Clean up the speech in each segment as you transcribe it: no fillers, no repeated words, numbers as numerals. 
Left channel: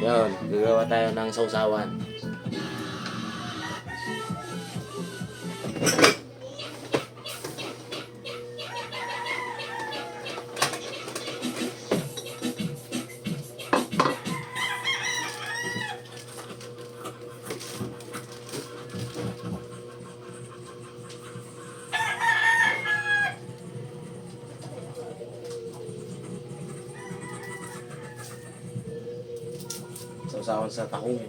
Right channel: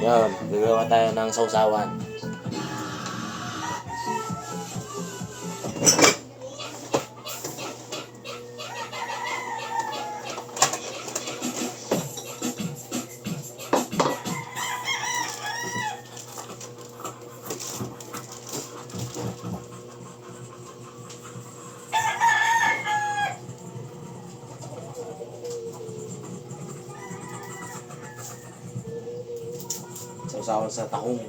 Yun, gagawa tayo ng sausawan. Sausawan sa tahong.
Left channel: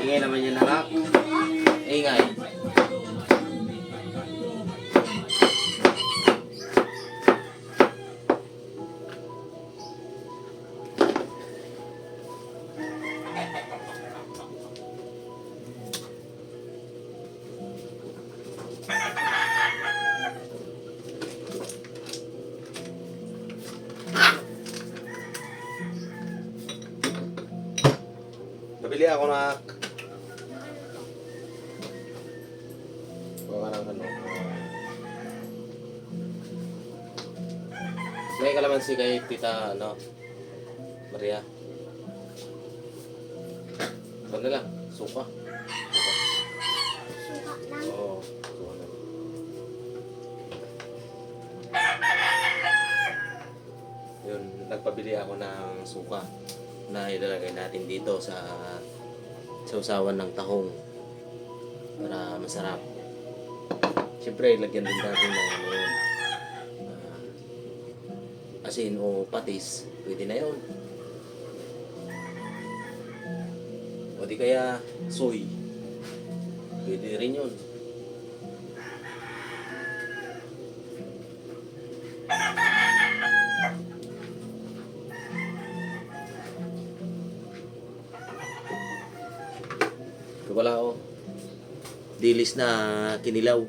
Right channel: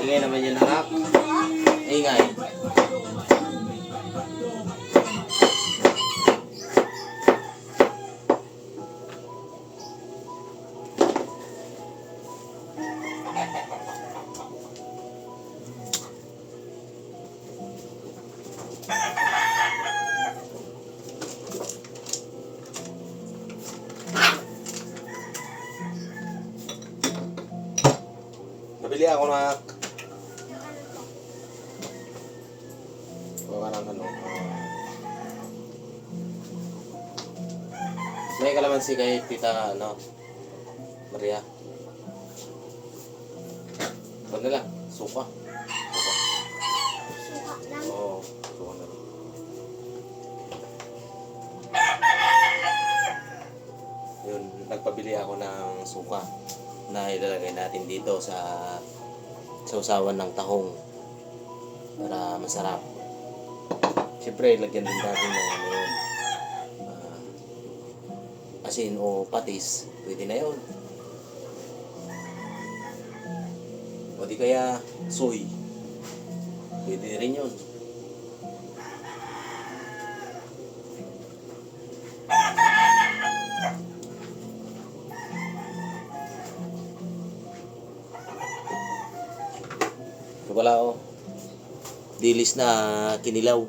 Ingay naman yan, anak. Ingay. Nabili ako na may kalamansi kay Tita Maria. Ano lang? Suka. Oo. Yun, nagpabili ako ng suka na ilalagay natin dito sa sausawan ng tahong para masarap. Siyempre, lagyan din natin ng asin o patis. Pwede na yun. O di kaya soy. Pwede rin yun. Wala dilis na kinilaw.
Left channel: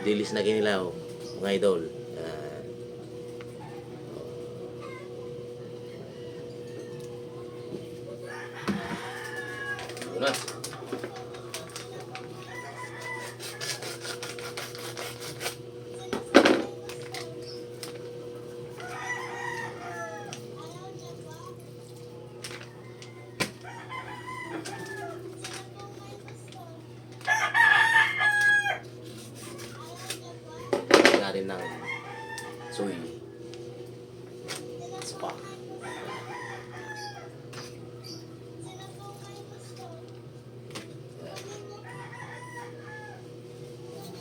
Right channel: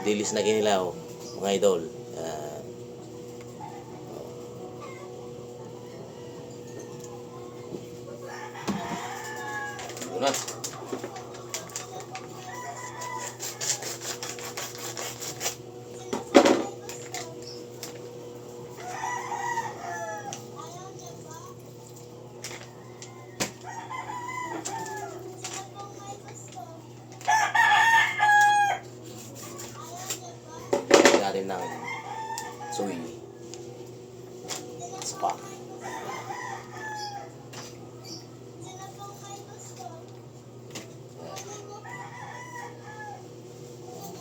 Dilis na kinilaw, mga idol. Na. Natin ng soy spa.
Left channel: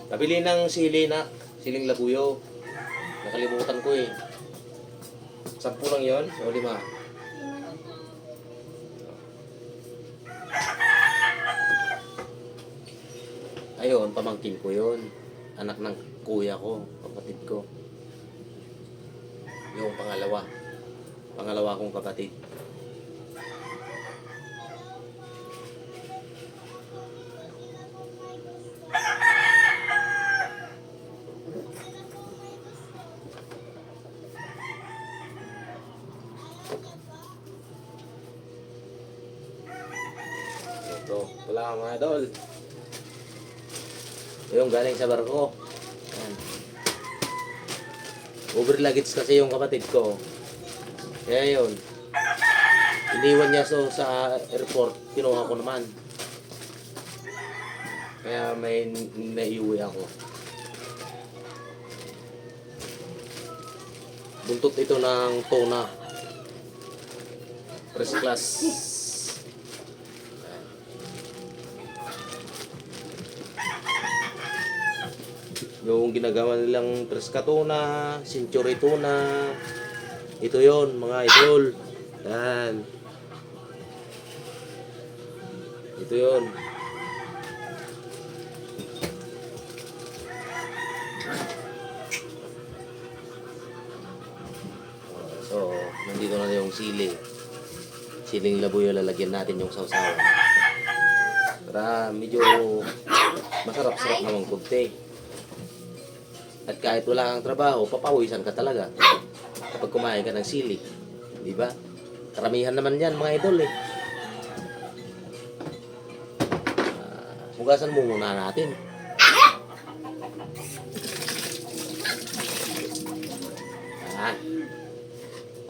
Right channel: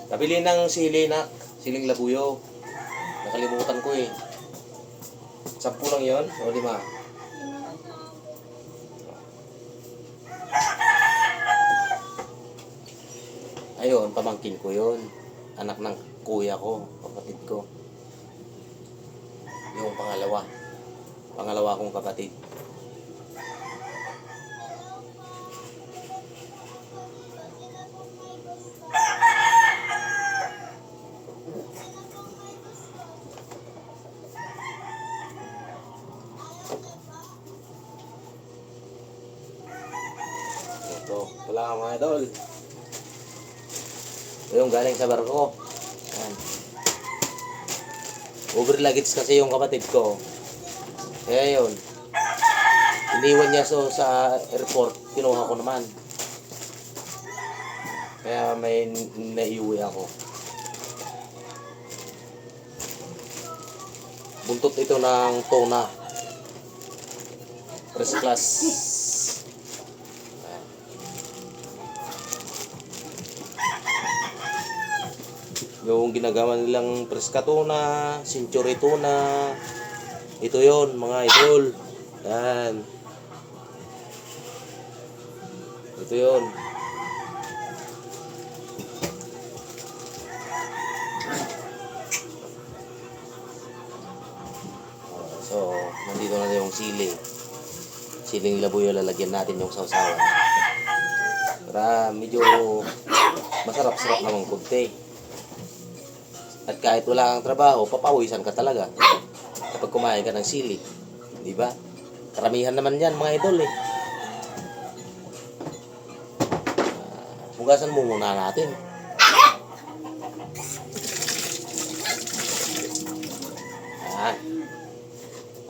Nabili ng siling labuyo. Nakalimutan ko eh. 10 lang yun o 5? Ayun, pamangkin ko yun. Anak ng kuya ko, kapatid ko. Yung pangalawa kong kapatid. Ito lang mga idol. Yung galing sa barko. Yan. Over luggage kasi yung kapatid ko. Kaya yun. Iniwan niya sa airport. Kinuha ko naman. Kaya may naiuwi ako. Buntot ito ng tuna. First class. Yung ginagawa nilang preska tuna, century tuna. Ito yon mga idol. Yan. Ito yon. So, nandito na yung sili. Siling labuyo lalagyan natin yung sausawan. Para medyo masarap-sarap naman kunti. At kahit wala kang trabaho, papawisan ka talaga kapag kumain ka ng sili. Di ba? Karamihan naman yan mga idol eh. Hugasan mo muna natin.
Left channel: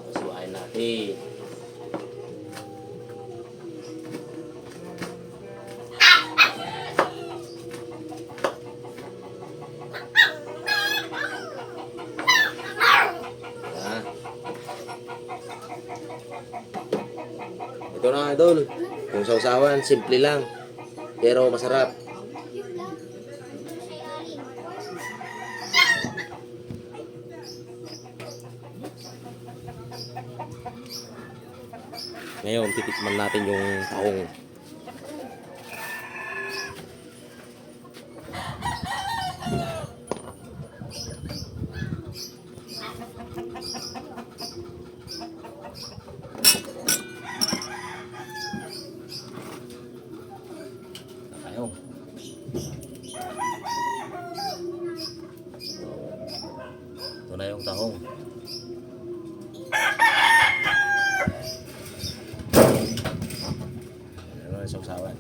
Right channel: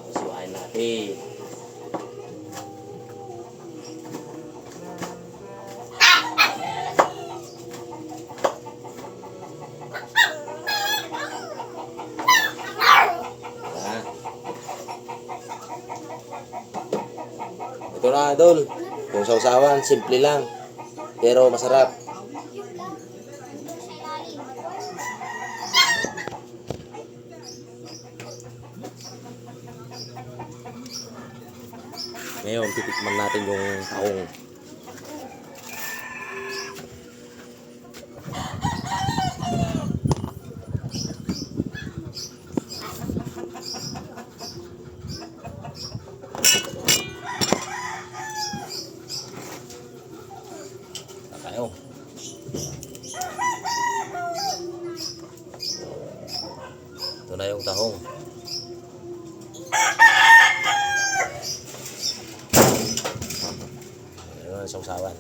Pasuwain natin. Ito na idol, yung sausawan, simple lang, pero masarap. Ngayon, titikman natin yung tahong. Tayo. Ito na yung tahong. Ayan ang sausawan.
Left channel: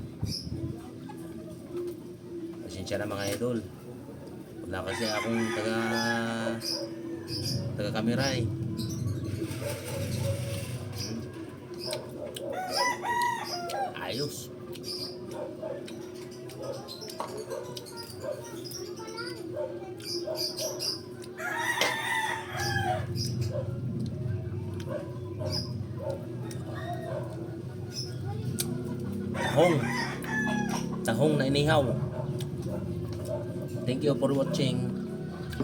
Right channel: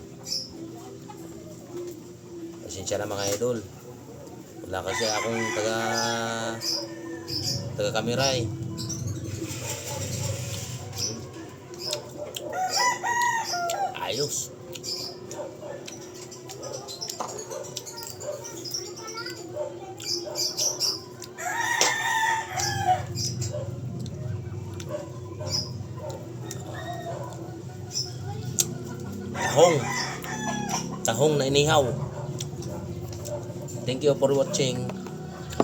Pasensya na mga idol. Wala kasi akong taga-kamera eh. Ayos. Tahong na inihaw. Thank you for watching.